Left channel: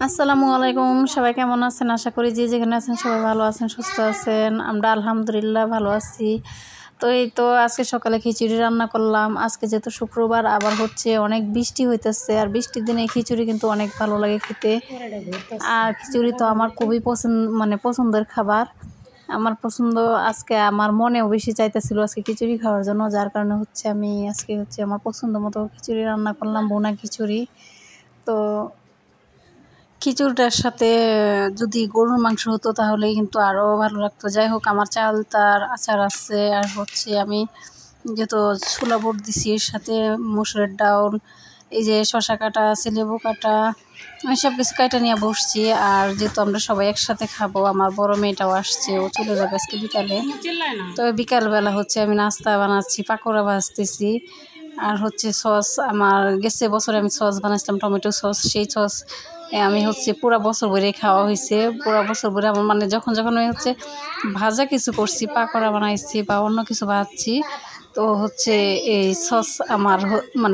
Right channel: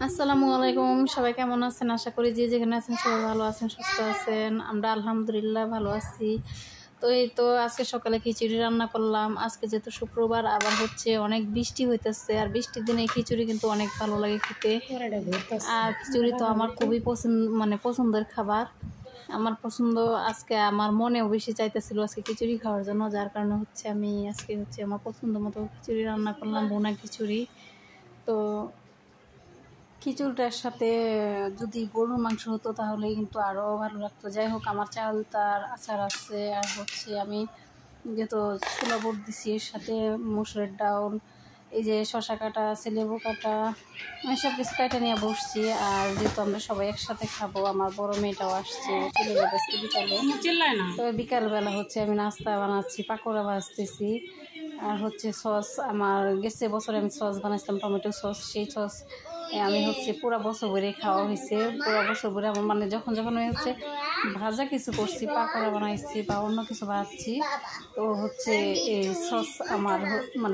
আসসালামু আলাইকুম, সবাই কেমন আছেন? আশা করি যে যেখানে আছেন সবাই ভালো আছেন, সুস্থ আছেন। আমরা আলহামদুলিল্লাহ ভালো আছি। তো এই তো আজকে সকালে খিচুড়ি রান্না করলাম। আজকে যেহেতু শুক্রবার, আবার হচ্ছে অনেক বৃষ্টি হইতেছে, আর বৃষ্টির দিনে খিচুড়ি কিন্তু অনেক ভালো লাগে খেতে। আর খিচুড়ি তো আমার খুবই পছন্দের খাবার। আমার পছন্দ, আজকে আমার মনেও বেশি চাইতেছিল আজকে খিচুড়ি খাওয়ার জন্য, যার কারণে হচ্ছে আমি আজকে আমার পছন্দ মতো খিচুড়ি রান্না করলাম, ভুনা খিচুড়ি। তো খিচুড়িটার সাথে যদি গরুর মাংস হতো তাহলেই কিন্তু আরও ভালো লাগতো। যাই হোক, আমার চাল তার আচার আছে, আর হচ্ছে আমি যেহেতু ছোলা বুট দিছি, এর সাথে মসুরের ডাউল, এই যে শশা কাটা আছে, লেবু কাটা, আমি সব কিছু কাটা নিয়ে বসছি। আর যেহেতু আমরা সবাই একসাথে খাবো, আমার বড় মেয়েটাও আসছে, ও চলে যাবে আজকে বিকালে। তবে বিকালবেলা হচ্ছে আমি নাস্তা বানাচ্ছি, পাকোড়া ভাজতেছি। আর হচ্ছে সস, আমার গেছে বছরে আমি সস বানাইছিলাম, টমেটো সস। সেই সস আমি হচ্ছে পুরো বছর ভরে খাওয়া হয়েছে। পুরো বছর ভরে আমার যখন যখন আমি হচ্ছে ভাজা কিছু করছি, পাকোড়া বানাইছি বা অন্য কিছু ভাজছি, তো হচ্ছে এই সস আমার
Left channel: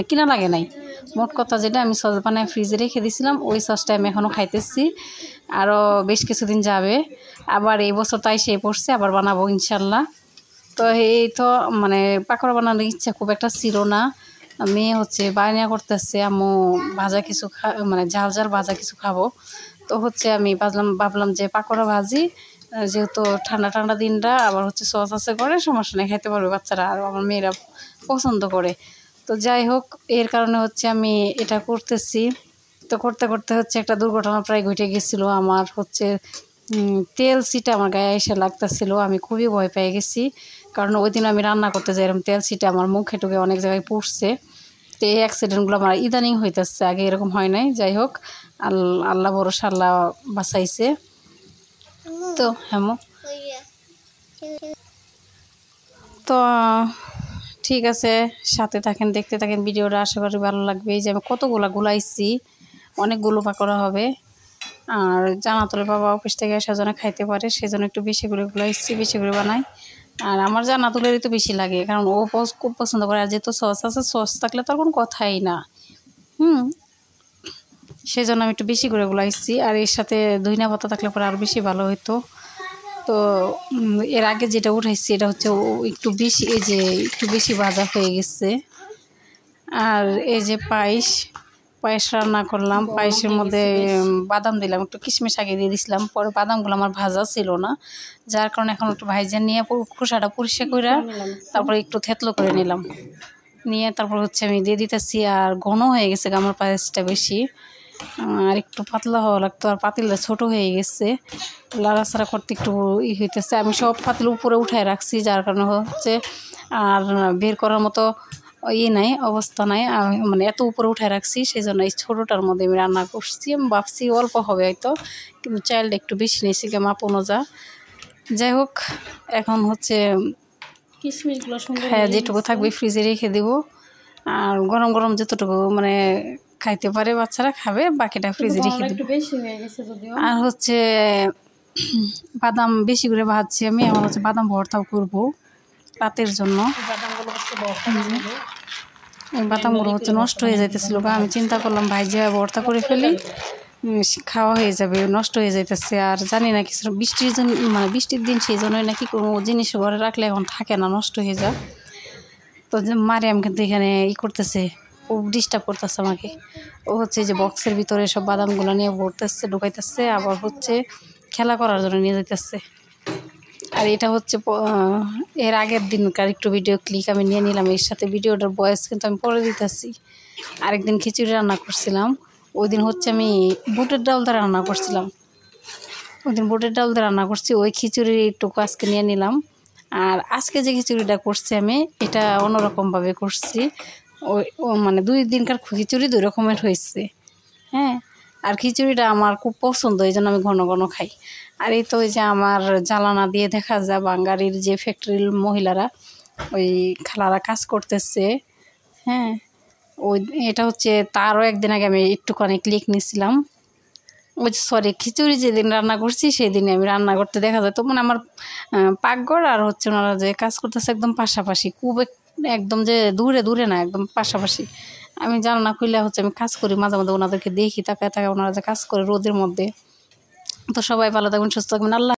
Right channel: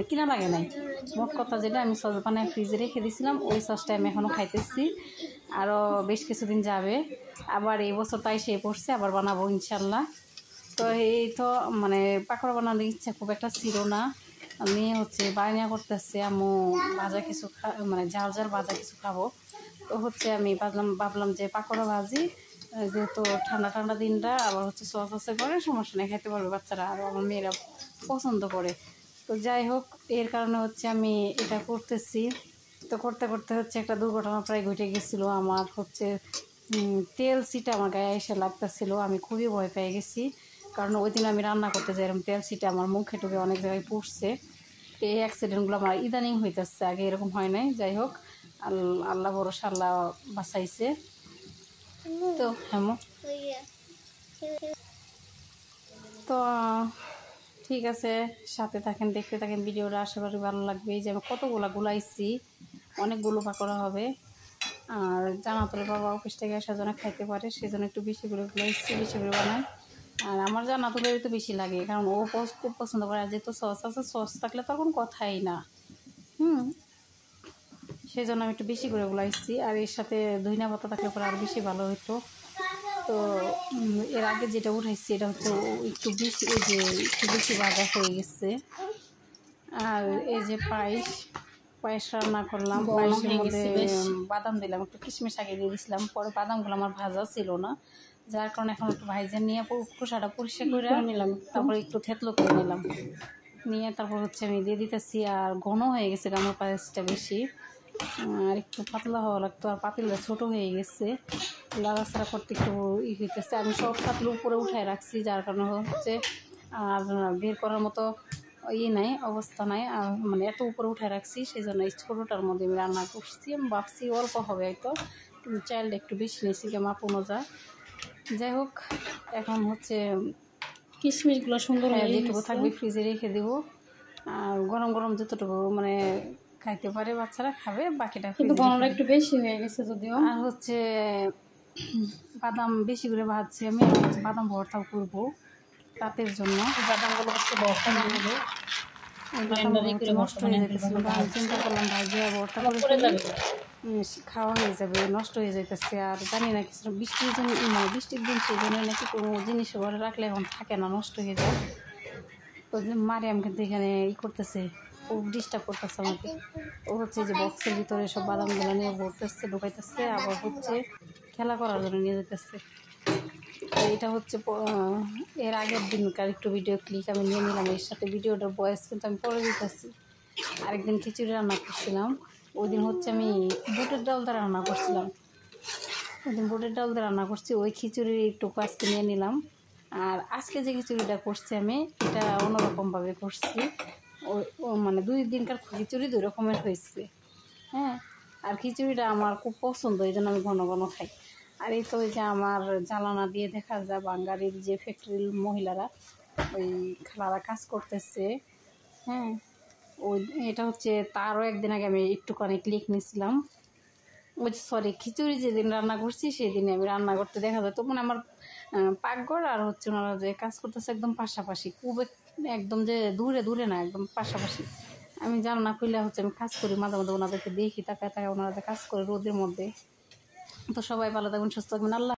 কিনা লাগে নাই। মোট কথা যেটা, আমি সস বানায় ফ্রিজে রেখে দিয়েছিলাম, ওই সসটা আমি এখনও খাইতেছি। আরও বেশ কিছুদিন যাবে। আবার এই বছর তাই সেই পড়ছে, আবার বানাবো ইনশাল্লাহ। তো এই তো পাকোড়া বানানোর ইচ্ছা খুব একটা ছিল না। আমি হচ্ছে বায়না করতেছে আম্মু ভাজা কিছু ঝাল ঝাল ভাজা কিছু খাবো। তো হচ্ছে আমি ভাবলাম যে পাকোড়া ভাজি, যেহেতু ঠান্ডা ঠান্ডা দিনটা, আবার হচ্ছে সস আছে করে, সমস্যা নেই, খাইতে পারবে বাচ্চারা, আর আমার মেয়েরা পছন্দ করে। তো যাই হোক, এর কারণে হচ্ছে আমি এটা করতেছি। তো করতে করতে হচ্ছে একটা দুর্ঘটনা প্রায় ঘটে গেছিলো। আমার হচ্ছে তেল সিটা আমার গায়ে এসে লাগতেছিল, আমি খুবই ভয় পেয়ে গেছি। কারণ ওই দিন আমি রান্না করতে যাই, এরকম তেল সিটা আমার মুখে টুকে অনেক জায়গায় পড়ছে। তো এই অ্যাক্সিডেন্টগুলো আমার ইদানিং হইতেছে, আগে এরকম হয় নাই। যাই হোক, আল্লাহ ভরসা, আল্লাহ বাঁচাইছে। তো হ্যাঁ, তো ঠিক আছে, সাথে থাকেন, দেখতে থাকেন ভিডিওটা, আশা করি ভালো লাগবে। এই যে আমি কতগুলো গুলাইছি, অনেকগুলো পাকোড়া হবে। আর জানাতুলের বাবা অফিস থেকে আসার জন্য খাইতে পারে, সেজন্য একটু বেশি করে গুলাইছি, বেশি করে বানাই। আর আমার জানাতুলেরই তো বেশি লাগে, কারণ ও খুব পছন্দ করে। আর যেহেতু সস আছে, সস থাকলে তো আর কোনো কথাই না। সেই জন্য আমি একটু বেশি করে গুলাইছি। আর এর সাথে ধনিয়া পাতা থাকলে পরে আরও বেশি ভালো হতো। তো এর আগে যেটা উঠাইছি, এটা হচ্ছে একটু বেশি, এই যে একটু বেশি ভাজা হয়ে গেছে। আর এই যে পায়েস রান্না করলাম, পায়েসের মধ্যে বাদাম দিলাম, একটু কিশমিশ আগে দিয়ে দিছিলাম, পরে বাদামগুলো আমার ভাজা ছিল না, যার কারণে এখন একটু ভাইজা নিয়ে খোসাটা পরিষ্কার করে তারপরে একটু থেতলো করে নিলাম, নিয়ে তারপর হচ্ছে আমি দিয়ে দিতেছি। আর ঘন হয়ে গেছে আমার পায়েসটা বেশি, আর একটু পাতলা হওয়া লাগতো। আর পাতিলটা ছোটো হয়ে গেছে, লাড়াচাড়া করতে একটু হইতেছে। আমি সব পাতিল উপরে উঠায় রাখছি, যার কারণে হচ্ছে আর বের করার মতো নাই, অবস্থা নাই। আমি এত উপরে উঠায় রাখছি, সেই জন্য এই ছোটোটার মধ্যে আমি রান্না করছি। আমি ভাবছি অল্প হবে হয়তো, কিন্তু চাইল্ড একটু বেশি নিয়েছি, মাপ অনুযায়ী। যাই হোক, এখন হচ্ছে কিশমিশগুলো সুন্দর, হ্যাঁ, যেটুকু থাকবে ফ্রিজে রেখে দেবো। আর গরম গরম যতটুকু খাইতে পারে বাচ্চারা খাবে, বাকিটা ফ্রিজে রেখে দেবো। একটু বেশি হয়ে গেছে যদিও। আর হচ্ছে বাদাম বেশি করে ভাজছি আমি, এখন হচ্ছে বাদাম ভর্তাও করবো রাতের জন্য। বাদামগুলো হচ্ছে নষ্ট হয়ে যাইতেছিল, আমি চিন্তা করলাম ভাইজা ভর্তা করে ফেলি, খাওয়া হয়ে যাবে, নষ্ট হয়ে যাইতেছে। আর জানি না কিছু বৃষ্টির জন্য, বৃষ্টির দিন, সেই জন্য নাকি কোনো জিনিস ঘরে রাখলে এখন থাকে না, নষ্ট হয়ে যায়। তো মারিয়াম কিন্তু এখানে করতেছে, খুব ডিস্টার্ব করতেছে আমাকে। ও হচ্ছে যে বক্সের ভিতরে সব বাদামগুলো নিয়ে ভরতেছে, ঢুকাইতেছে, আবার হচ্ছে খেলা করার জন্য নিয়ে যেতেছে। আর এটা হচ্ছে এর আগের দিনকার একটু ভিডিও ক্লিক আমি নিয়ে নিলাম, এর সাথে ভিডিওটার ভয়েস কিন্তু আমি পরে দিতেছি। আরেকদিন খিচুড়ি রান্না করছিলাম, ওই দিন হচ্ছে আমি বুটের ডাল দিয়ে রান্না করছিলাম, ওই দিন বুটের ডাল দিয়ে রান্না করছি, ওই খিচুড়ির একটুকু আজকে নিয়ে নিলাম। আর আজকে যে খিচুড়িটা করছি আমি, এটা অন্যরকমভাবে করছি। ওই 2 দিনকার খিচুড়ি 2 রকমের হয়েছে, হ্যাঁ। আর খিচুড়িটা আমার খুব পছন্দ, এই জন্য আমি ঘন ঘন খাই। আর এই তো ওই যে আমার জ্বালানা দিয়ে দেখা যায় বাঙালির যে ফ্যাক্টরির মহিলারা, ওই খালারা কাজ করতেছে, হ্যাঁ। ওই এটা হচ্ছে তারও একদিন আগে আমি একটুখানি ক্লিক নিয়েছিলাম। ওই সরি, খিচুড়ি যেদিন রান্না করছি সেই দিনে আমি রান্না করতে দেখা যায়। তো আমার পাকঘর আর হচ্ছে ওনারা যে কাজ করতেছে একদম পাশাপাশি, খুব একদম যে দূরে দূরে না, একদম পাশাপাশি। আমি জানলা খুলে হচ্ছে আমি কাজ করি, মাঝে মাঝে ওনাদেরকে দেখি, তাকায় ওনারা যে কাজ করে রোদের মধ্যে। তো সবাই ভালো থাকবেন, সুস্থ থাকবেন, আল্লাহ।